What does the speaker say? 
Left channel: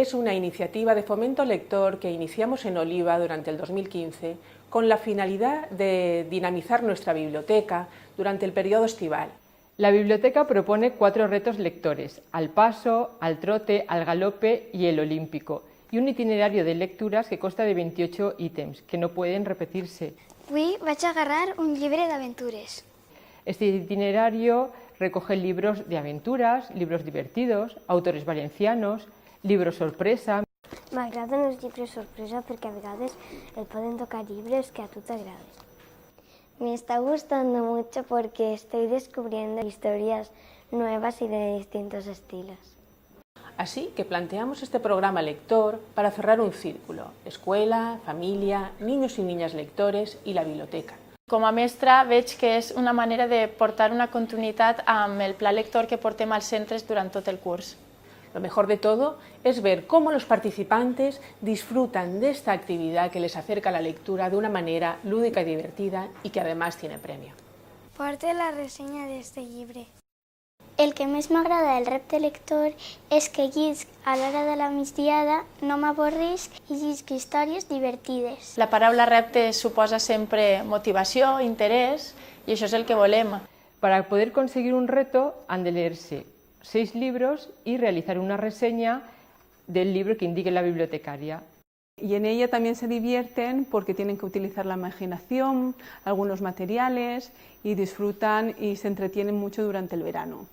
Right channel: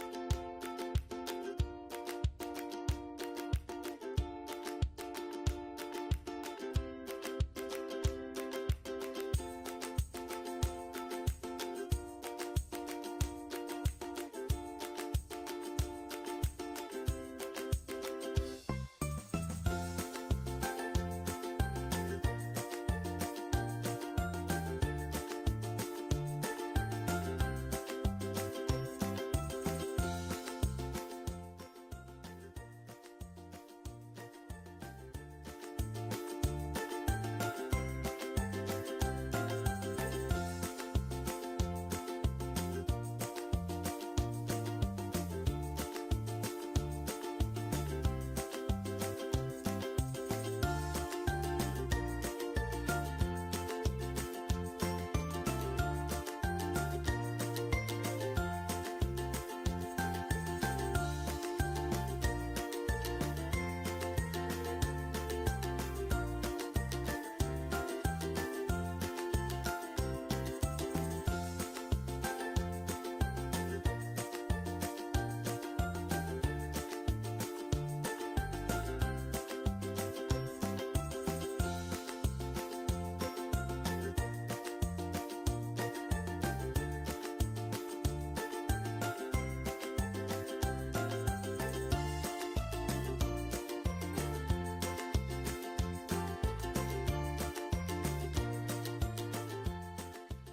es una iniciativa de fomento lector que iniciamos en Oliva durante el 2015 con la finalidad de dinamizar nuestra biblioteca durante el periodo estival. La biblioteca propone 4 retos lectores: al paso, al trote, al galope y el olímpico, y un itinerario de lecturas que consta de 28 ítems, que no pueden repetirse. Avui vaig agarrar un llibre d'aventures. Este itinerario recoge libros de aventuras, libros divertidos, autores valencianos, libros sorpresa. M'agraden els llibres sorpresa perquè a vegades et poden tocar llibres que a tu t'agraden. Me está gustando mucho porque estoy descubriendo historias nuevas y de distintos estilos. Así que planteamos este programa lector para cerrar un círculo: escuela, familia, niños y niñas lectores y la biblioteca. Com a mestra veig que és una manera de portar una continuïtat amb el pla lector que portem als centres durant tot el curs. Lo mejor de todo es ver cómo los participantes disfrutan de esta actividad que les acerca a la lectura de una manera lúdica y divertida y que además tiene premio. Porta la ressenya d'este llibre. El que més m'agrada del repte lector és que llisc a l'hora de la migdiada, no m'avorrisc i llisc històries divertides. La paraula repte suposa sempre motivació, interès, i això és el que volem. Para poder conseguir un reto han de leerse 6 libros y realizar una reseña del libro que indique la bibliotecaria. Y en ella también se divierten porque tienen que utilizar la imaginación, algunos materiales y disfrutan y se entretienen mucho durante el verano.